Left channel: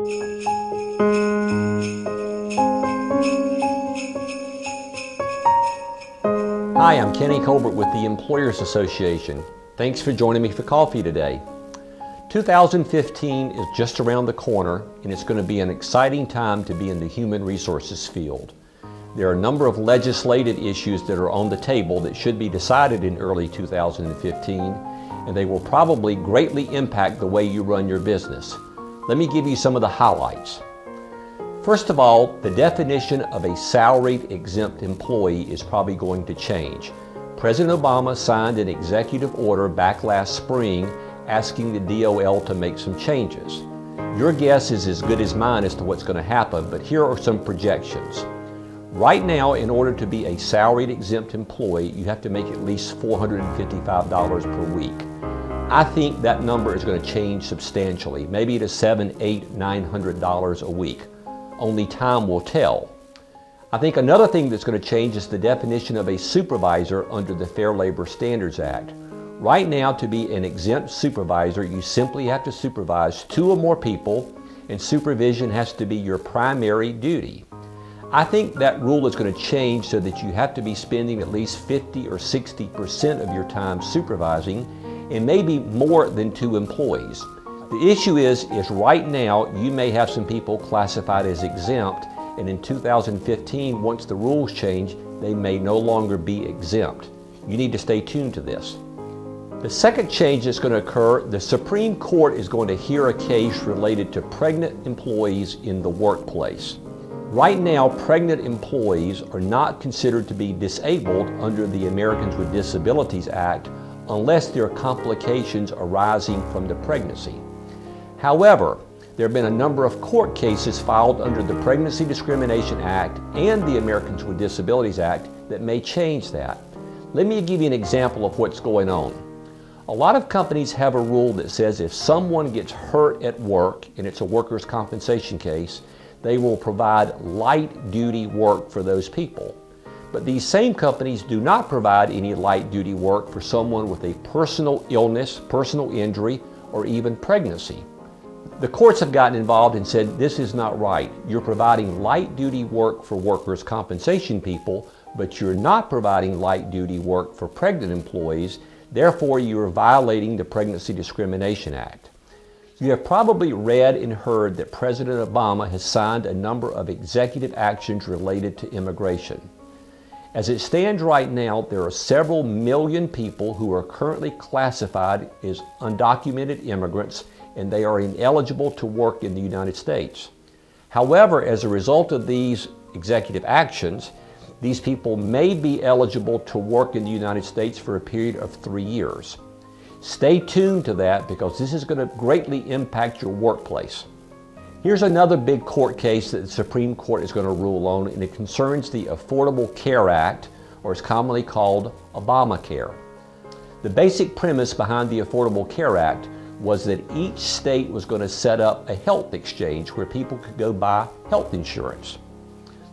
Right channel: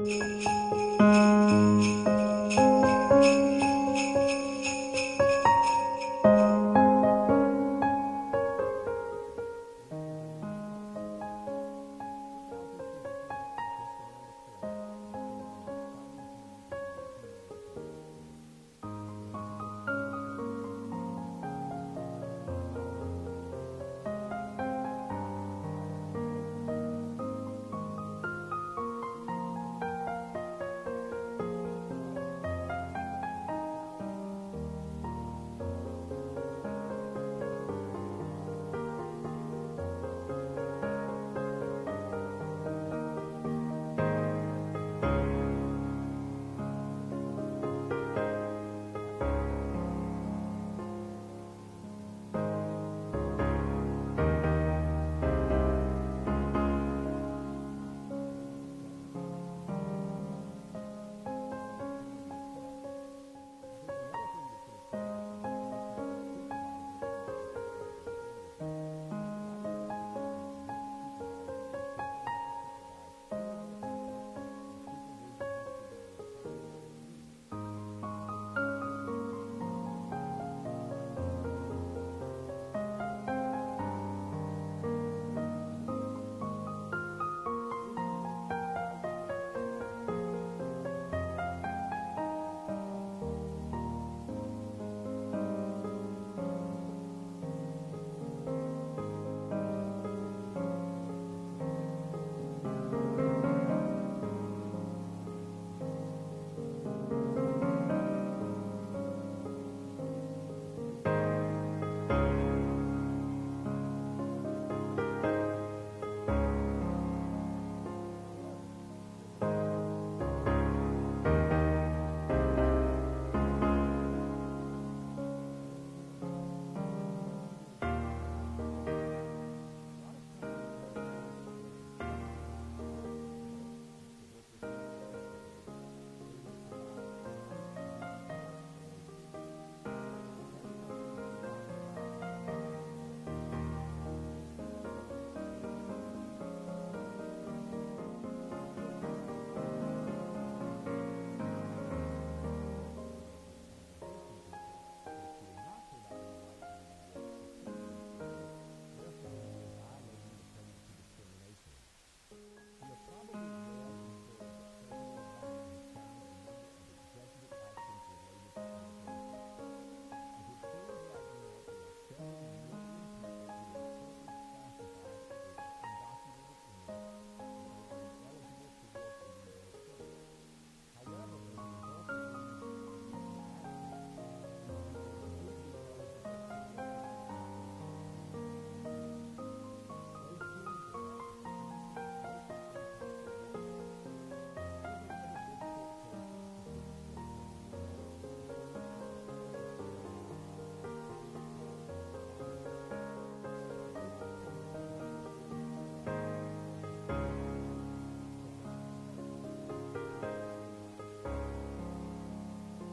Hi, I'm Colbert with the Employers Association. Thanks for joining me for coffee today. 2015 is just around the corner, and it's going to be an exciting time to be in the human resources field. There are a number of legislative issues that are on the table that should be decided in early 2015, and they will probably greatly impact the way you run your business. Let me give you some of the highlights. First of all, the definition of a salaried exempt employee is probably going to change. President Obama signed an executive order back last spring asking the DOL to make some changes. Your guess is as good as mine as to what's going to happen, but here are some projections. Right now, in order to be a salaried exempt employee, you have to make at least $455 per week. I think that number is going to change substantially, maybe to $700, $800, $900 a week. Only time will tell. I think another thing that's going to change is the definition of a supervisor under the Fair Labor Standards Act. Right now, to be an exempt supervisor, you simply have to supervise 2 or more people, and supervision has to be your primary duty. I think that rule is going to change so that you have to be spending at least 50 or 60% of your time supervising, and maybe more than 2 employees. The issue is right now you may have some people classified as exempt, and in 2015, once the rules change, they may no longer be exempt. You need to stay tuned to this. The second change that's going to occur, the Supreme Court is going to hear a case related to pregnant employees in the workplace. Right now, pregnant employees are not considered to be disabled under the Americans with Disabilities Act unless there are complications arising from the pregnancy. However, there have been a number of court cases filed under the Pregnancy Discrimination Act and the Americans with Disabilities Act that may change that. Let me give you an example of what's going on. A lot of companies have a rule that says if someone gets hurt at work and it's a workers' compensation case, they will provide light-duty work for those people. But these same companies do not provide any light-duty work for someone with a personal illness, personal injury, or even pregnancy. The courts have gotten involved and said this is not right. You're providing light-duty work for workers' compensation people, but you're not providing light-duty work for pregnant employees. Therefore, you're violating the Pregnancy Discrimination Act. You have probably read and heard that President Obama has signed a number of executive actions related to immigration. As it stands right now, there are several million people who are currently classified as undocumented immigrants, and they are ineligible to work in the United States. However, as a result of these executive actions, these people may be eligible to work in the United States for a period of 3 years. Stay tuned to that because this is going to greatly impact your workplace. Here's another big court case that the Supreme Court is going to rule on, and it concerns the Affordable Care Act, or it's commonly called Obamacare. The basic premise behind the Affordable Care Act was that each state was going to set up a health exchange where people could go buy health insurance.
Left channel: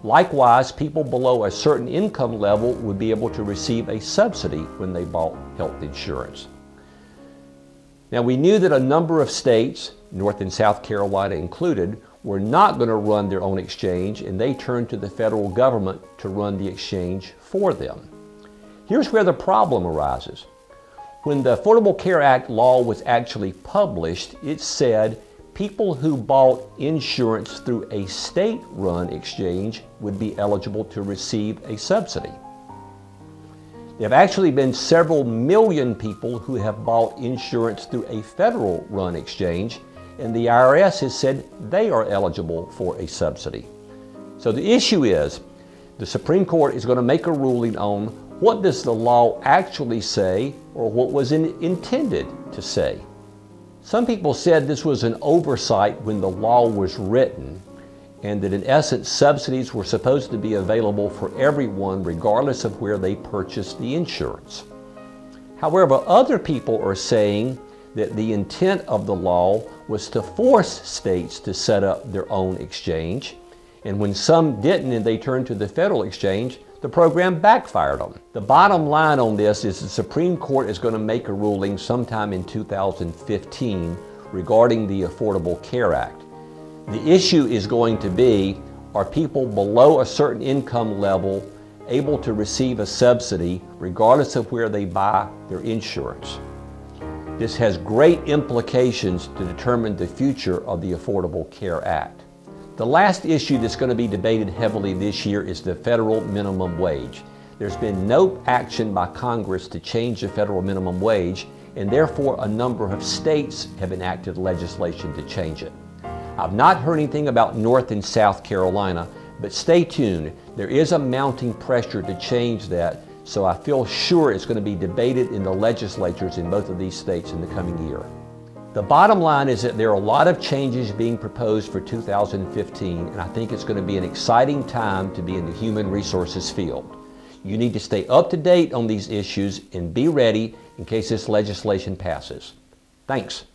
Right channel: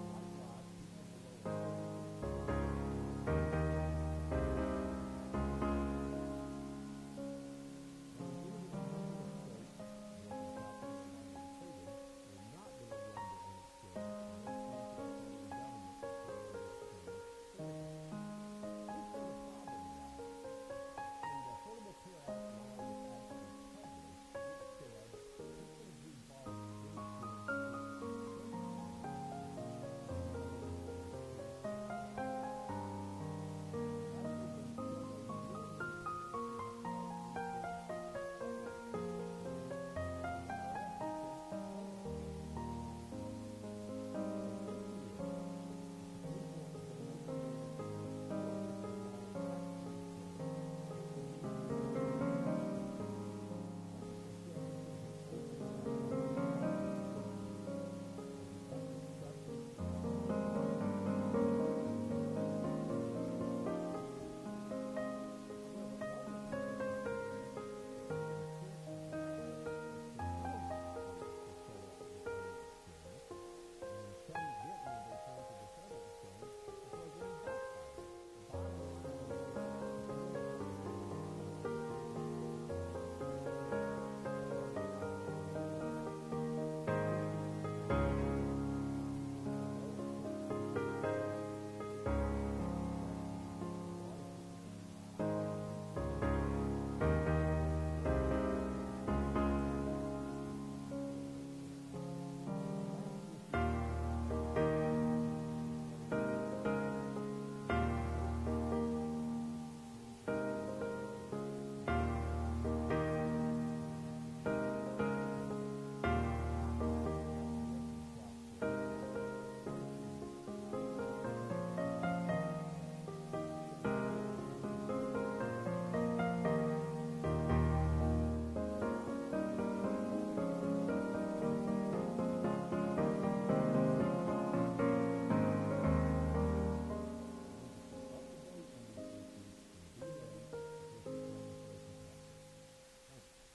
Likewise, people below a certain income level would be able to receive a subsidy when they bought health insurance. Now, we knew that a number of states, North and South Carolina included, were not going to run their own exchange, and they turned to the federal government to run the exchange for them. Here's where the problem arises. When the Affordable Care Act law was actually published, it said people who bought insurance through a state-run exchange would be eligible to receive a subsidy. There have actually been several million people who have bought insurance through a federal-run exchange, and the IRS has said they are eligible for a subsidy. So the issue is, the Supreme Court is going to make a ruling on what does the law actually say, or what was intended to say. Some people said this was an oversight when the law was written, and that in essence subsidies were supposed to be available for everyone regardless of where they purchased the insurance. However, other people are saying that the intent of the law was to force states to set up their own exchange, and when some didn't and they turned to the federal exchange, the program backfired on them. The bottom line on this is the Supreme Court is going to make a ruling sometime in 2015 regarding the Affordable Care Act. The issue is going to be, are people below a certain income level able to receive a subsidy regardless of where they buy their insurance? This has great implications to determine the future of the Affordable Care Act. The last issue that's going to be debated heavily this year is the federal minimum wage. There's been no action by Congress to change the federal minimum wage, and therefore a number of states have enacted legislation to change it. I've not heard anything about North and South Carolina, but stay tuned. There is a mounting pressure to change that, so I feel sure it's going to be debated in the legislatures in both of these states in the coming year. The bottom line is that there are a lot of changes being proposed for 2015, and I think it's going to be an exciting time to be in the human resources field. You need to stay up to date on these issues and be ready in case this legislation passes. Thanks.